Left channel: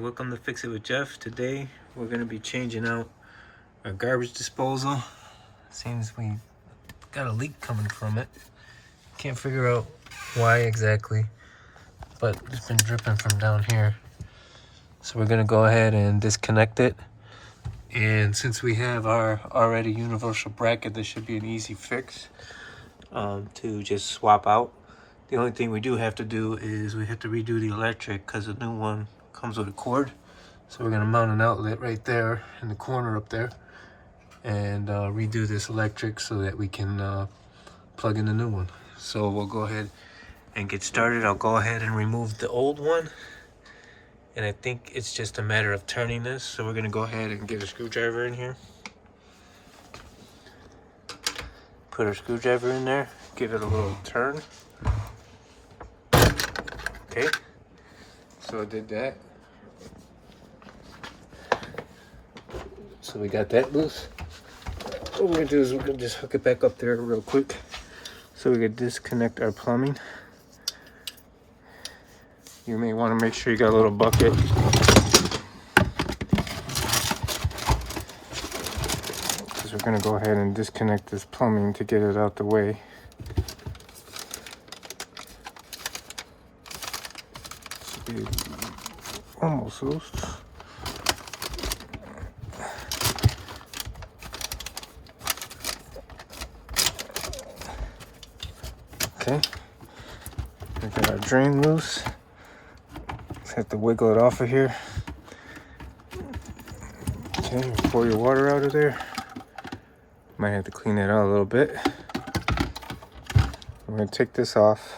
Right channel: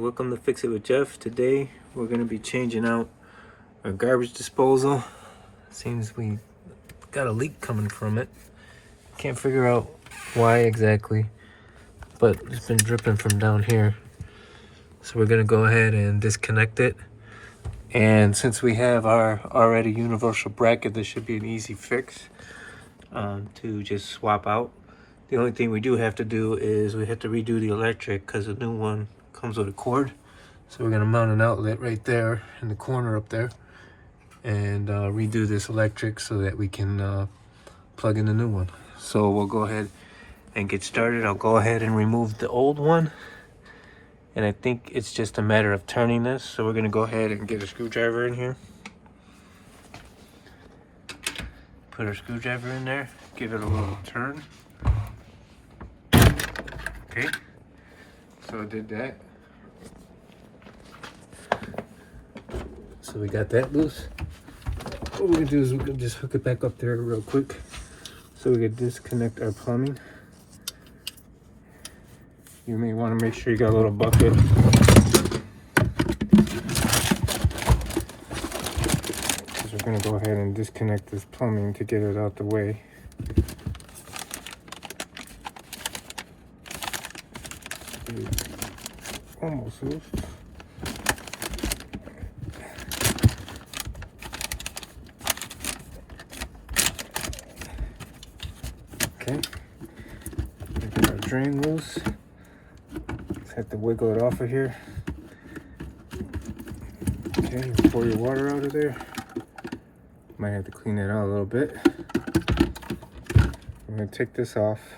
Welcome to Fix It with Jeff. Today we're going to be changing out our garbage disposal. Seems we got a leak coming from it. Can't figure out why exactly, but it's been dripping from down here. So we're going to go ahead and disconnect it. And since we have our already universal bracket, this should be an easy fix to just swap out. The only thing we do have to do is we have to redo the electric because the new one comes with a cord. So we're going to mount an outlet right there in the corner up there and redo this electric so that we can plug in the new one. So we'll go ahead and get started. I'll go ahead and remove the old one. And I think it's just a matter of turning this. So we're going to go ahead and get a screwdriver in here. Put our screwdriver in there. Give it a little turn. Okay, so I did that. So we got that loose. What we're gonna do is we're gonna just hook it back up there real quick so we can disconnect our plumbing. You may want to make sure you got a little bucket. Because we're gonna go ahead and disconnect this plumbing to get it out the way. Almost loose. Okay, we got our drain loose. Just have to wiggle it off of here. Okay, pour your water out of there. Might have to clean that out a little bit. I'm gonna take this off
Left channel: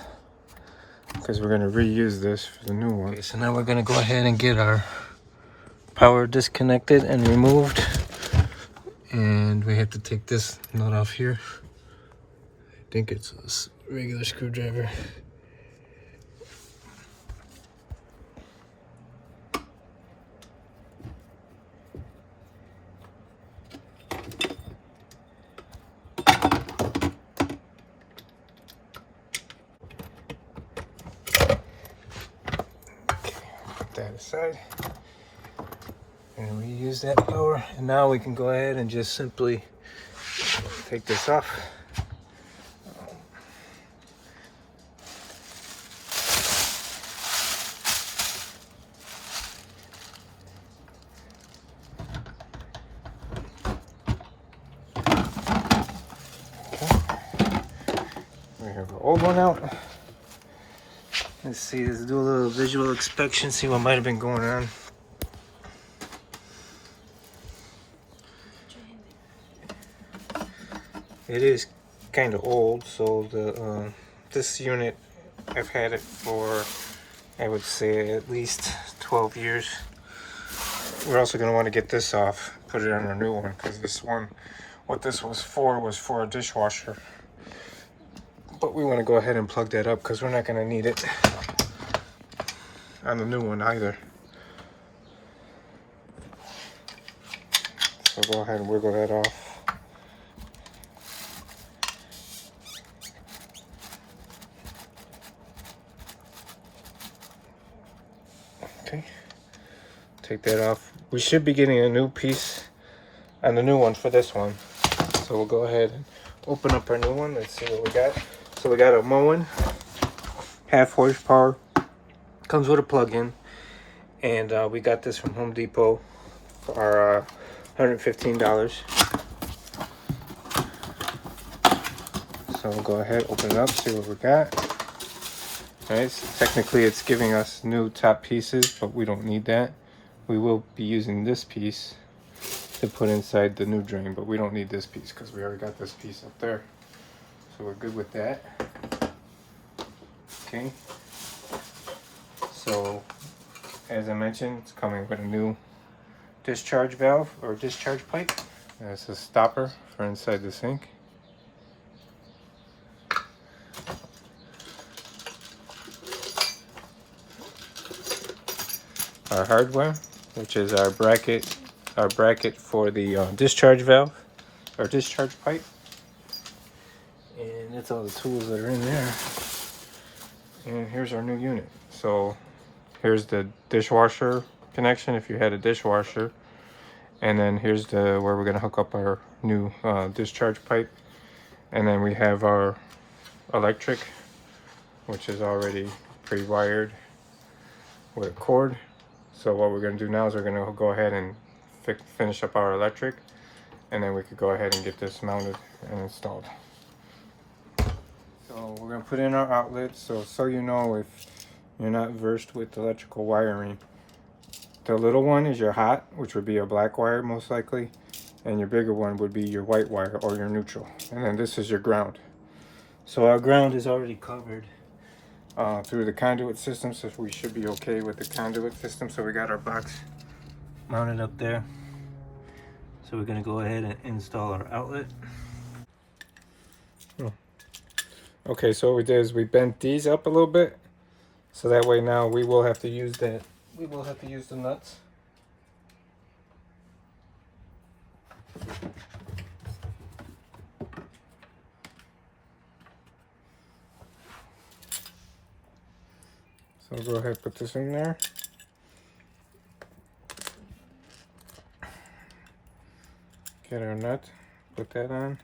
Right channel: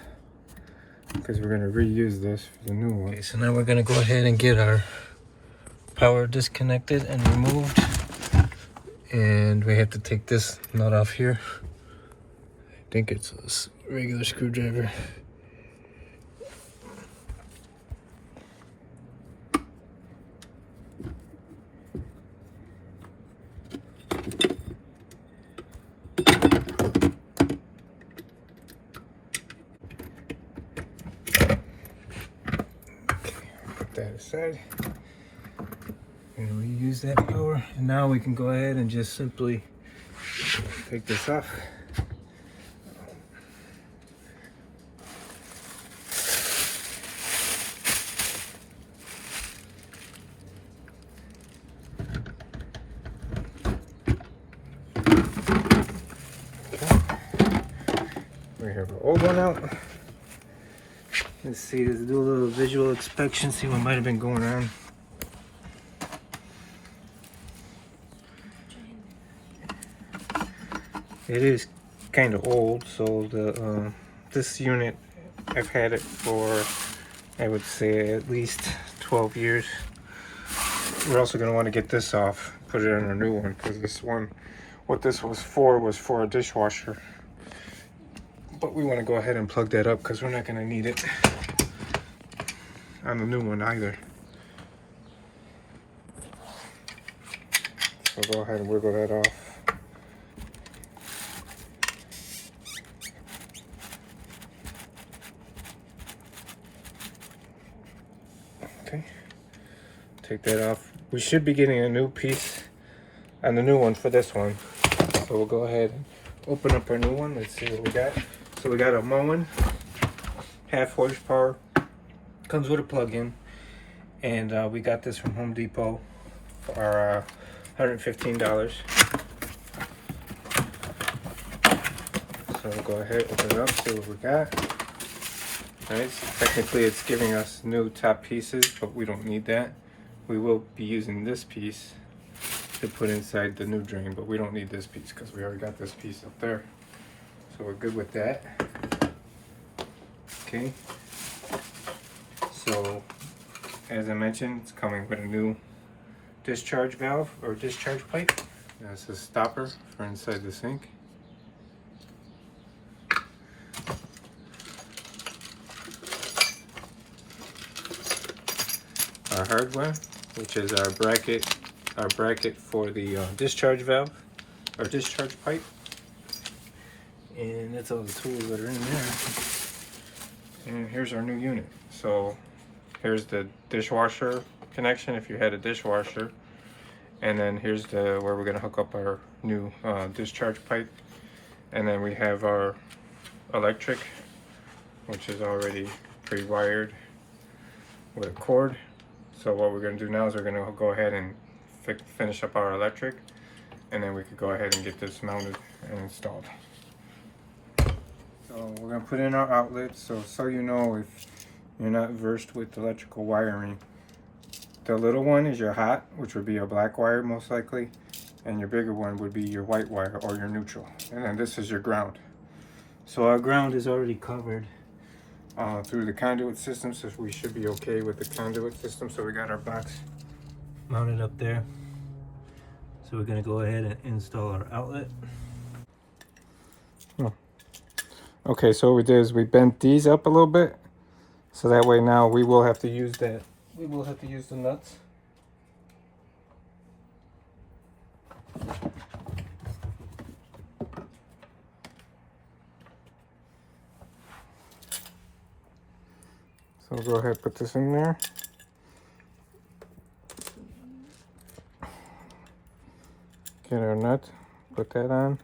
because we're going to reuse this for the new one. Okay, so now we're going to go ahead and get our power disconnected and removed. And we have to take this nut off here. I think it's a regular screwdriver. That aside and reuse that power, and now we can go ahead and just simply take this off. Okay. We have our old one out. Let's see, let's do a little visual inspection, see what might have been going on. It is kind of old, so the this unit, I've had it for, I would say, at least 12 years. We're also going to want to get this off, put it on our new one, because this one, what this was for a dishwasher. But we want to go ahead and plug that up because we're not going to need it on the new one either. So go ahead and wiggle that off. Okay, take that off. We should be getting a new piece on the new one for this one. So we'll go ahead and open up our new one. Let's see what we got. So we got a Moen, 1/2 horsepower, comes with a plug-in, and we got this from Home Depot for $115. So we'll go ahead, open it up, see what we got. Alright, so technically it's giving us new top pieces, but we don't need that. We will be using this piece to put inside the new drain, but we don't need this piece because we already got this piece up there. So we're good with that. Okay. So, as I mentioned, it's coming with a new discharge valve or discharge pipe. That's a stopper for inside the sink. Our hardware, which is our bracket for the discharge valve or discharge pipe. And that's all the tools that are in there. And here's our new unit. So here's the dishwasher connection if you had a dishwasher. And then here's the where we're gonna hook up our new discharge pipe. And then we have our electric, which is already pre-wired with a cord. So what we're gonna do now is we're gonna go ahead and finish up our electric, and then we could go ahead and get this mounted and installed. So we're gonna put in our outlets. So you know, if you're not versed with electrical wiring, the little one is your hot, which would be a black wire most likely, and your bigger one would be your white wire or your neutral, and then this is your ground. So our ground is already covered through the conduit system, so we should be okay with the conduit system. So we got our box mounted up there. So we're gonna go ahead and install our outlet. Okay, so what we did is we bent these up a little bit, so that way now we will have to use that. We will have to use the nuts. So we'll go ahead and put this in there. Get our nut, put that on.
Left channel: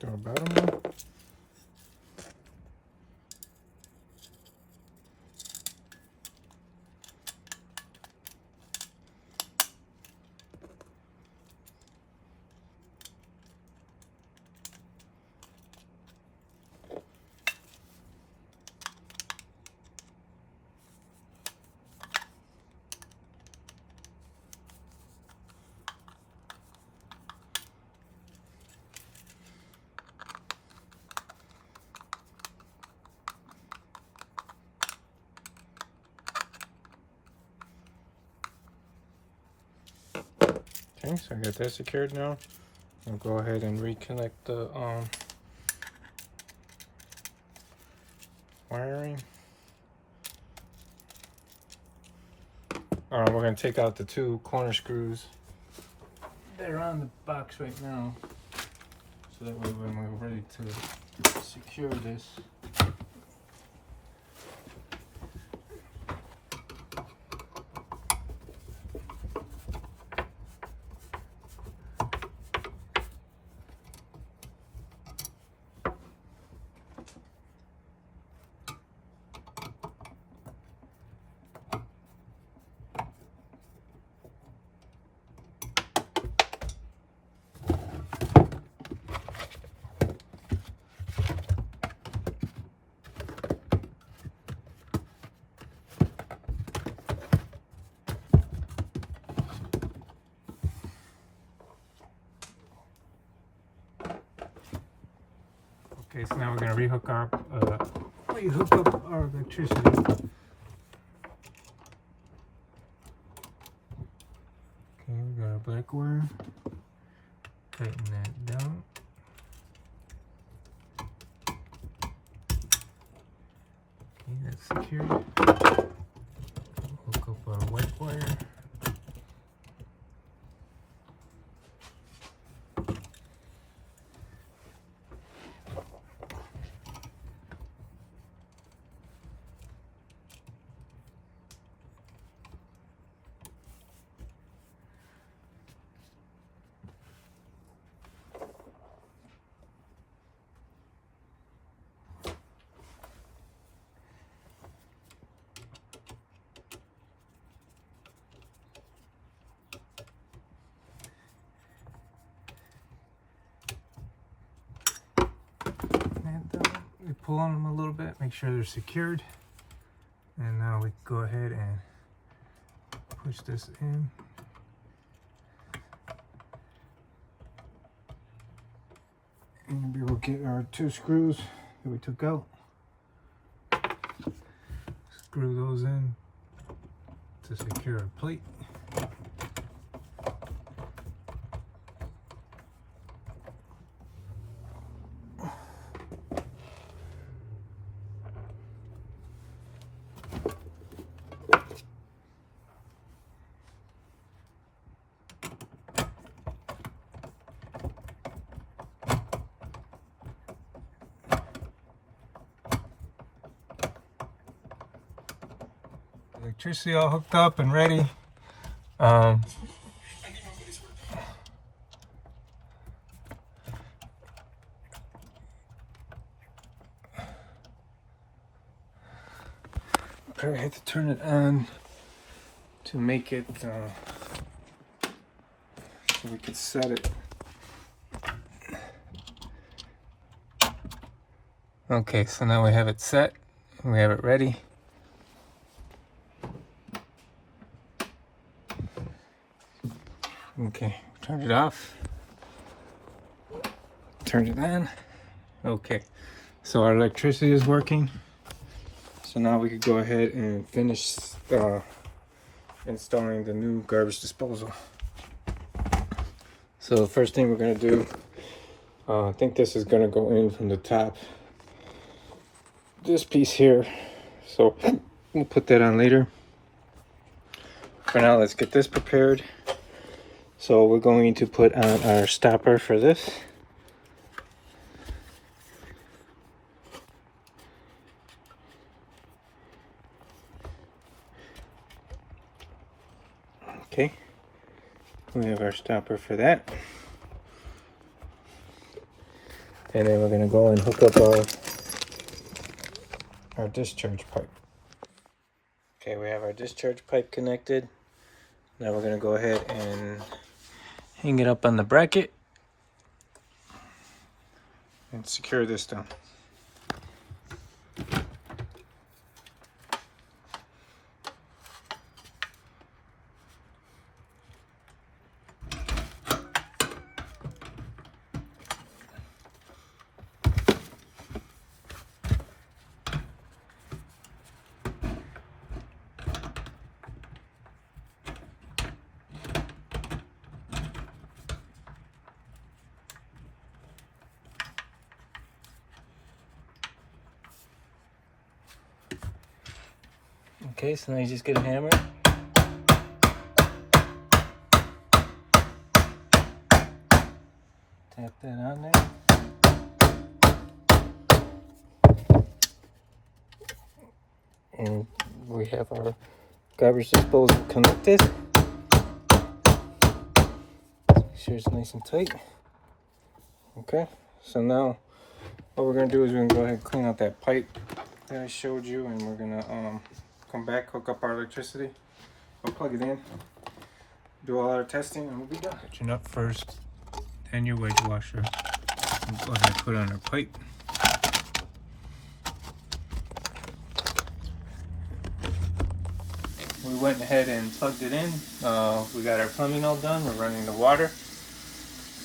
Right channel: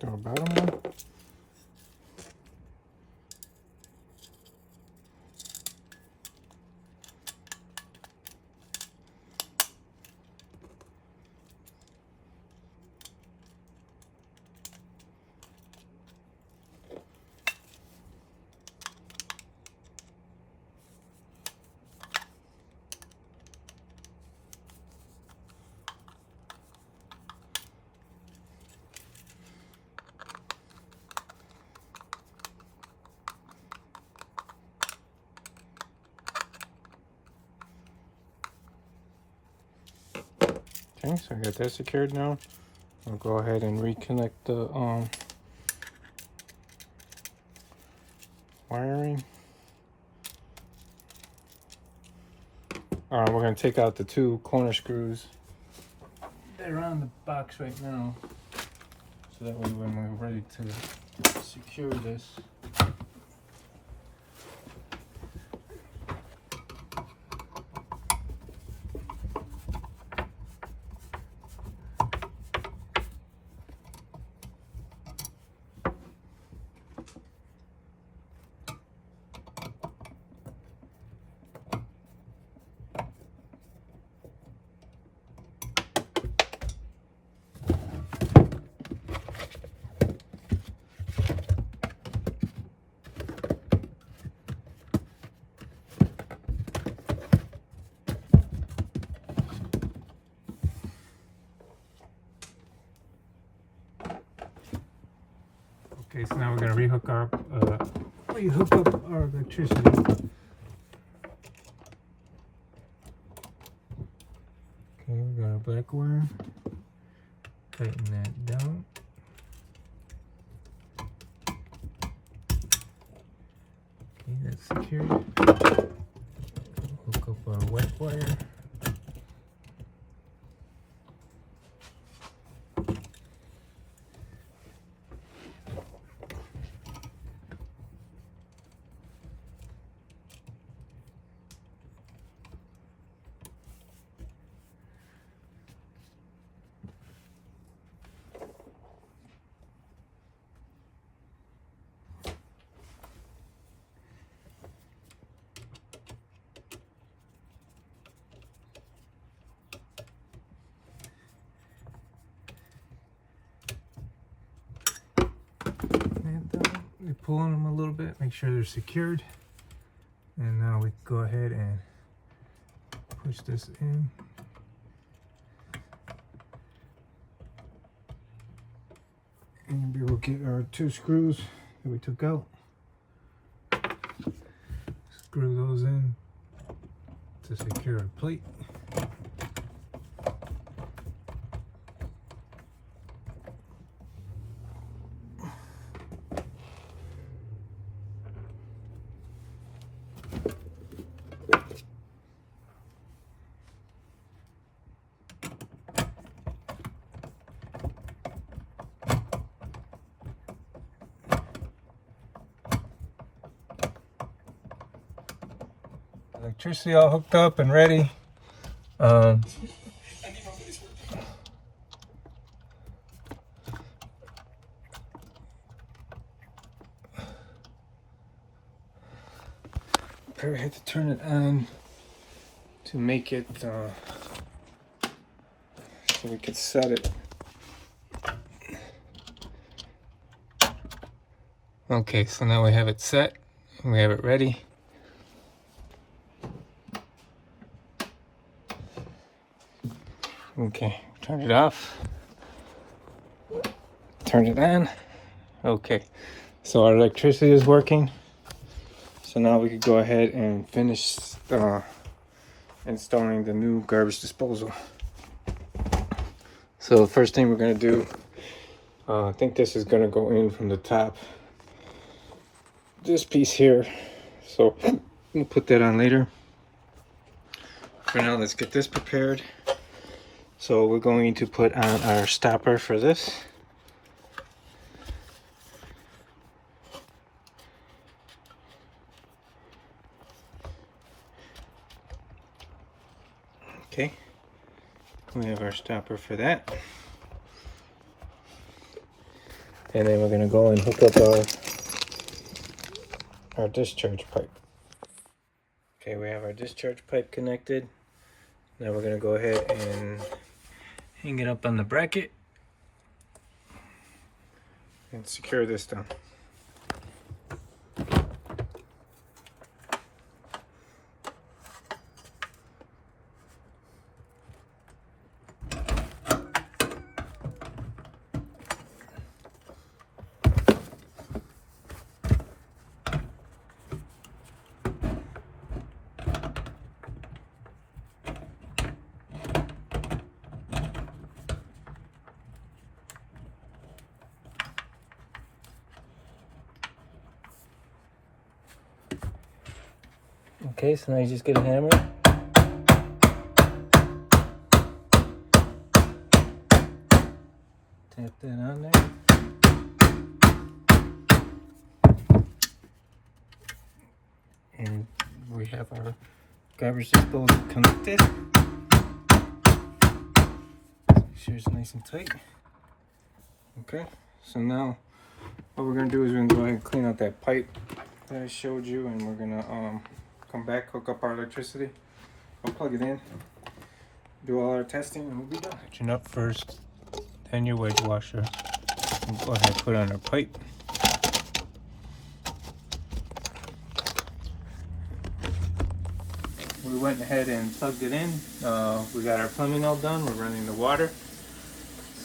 Do a bottom one. Okay, so I got that secured now. I'll go ahead and reconnect the wiring. We're going to take out the two corner screws that are on the box right now, so that way when we're ready to secure this, okay, so now we're going to rehook up our electricity. Okay, we got our black wire. Tighten that down. Okay, that's secured. Hook up our white wire. pull on them a little bit, make sure they're secured. And now we can go ahead and push this in. And we will get our 2 screws that we took out. Screw those in to secure our plate. Electricity all hooked up and ready. I had to turn it on to make it so we could set it. Okay, so now we have it set. We have it ready. Okay, turn it off. Turn it on. Okay, so our electricity is working. So now we could go ahead and finish installing the new garbage disposal. So the first thing we're gonna do, I think this is gonna go in from the top. This piece here. So we'll put that on later. For now, let's get this prepared. So we're going to put on our stopper for this. Okay, we have our stopper for that. And then we're going to go and hook up our discharge pipe. Okay, we have our discharge pipe connected. Now we're going to go ahead and hang it up on the bracket and secure this down. Okay, so now you just get a hammer. Tap that on there. And we have our garbage disposal connected. Make sure it's nice and tight. Okay, so now what we're gonna do is we're gonna go ahead and clean out that pipe that I showed you, and we're gonna come back, hook up our electricity, we'll plug it in, do all our testing, and we'll be done. Catching up first, then your wedge washer. And go ahead and put on our pipe. We went ahead and plugged it in. We got our plumbing all done. We're running the water.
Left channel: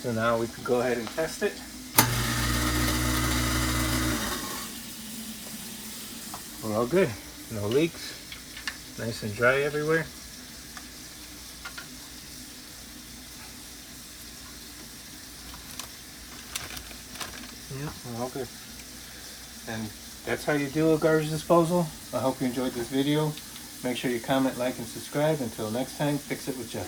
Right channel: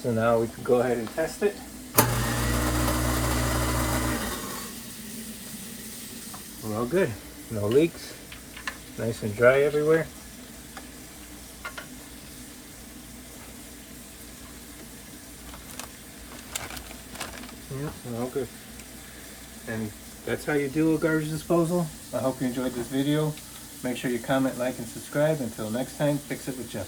So now we can go ahead and test it. We're all good. No leaks. Nice and dry everywhere. Yeah, we're all good. And that's how you do a garbage disposal. I hope you enjoyed this video. Make sure you comment, like, and subscribe. Until next time, fix it with Jeff.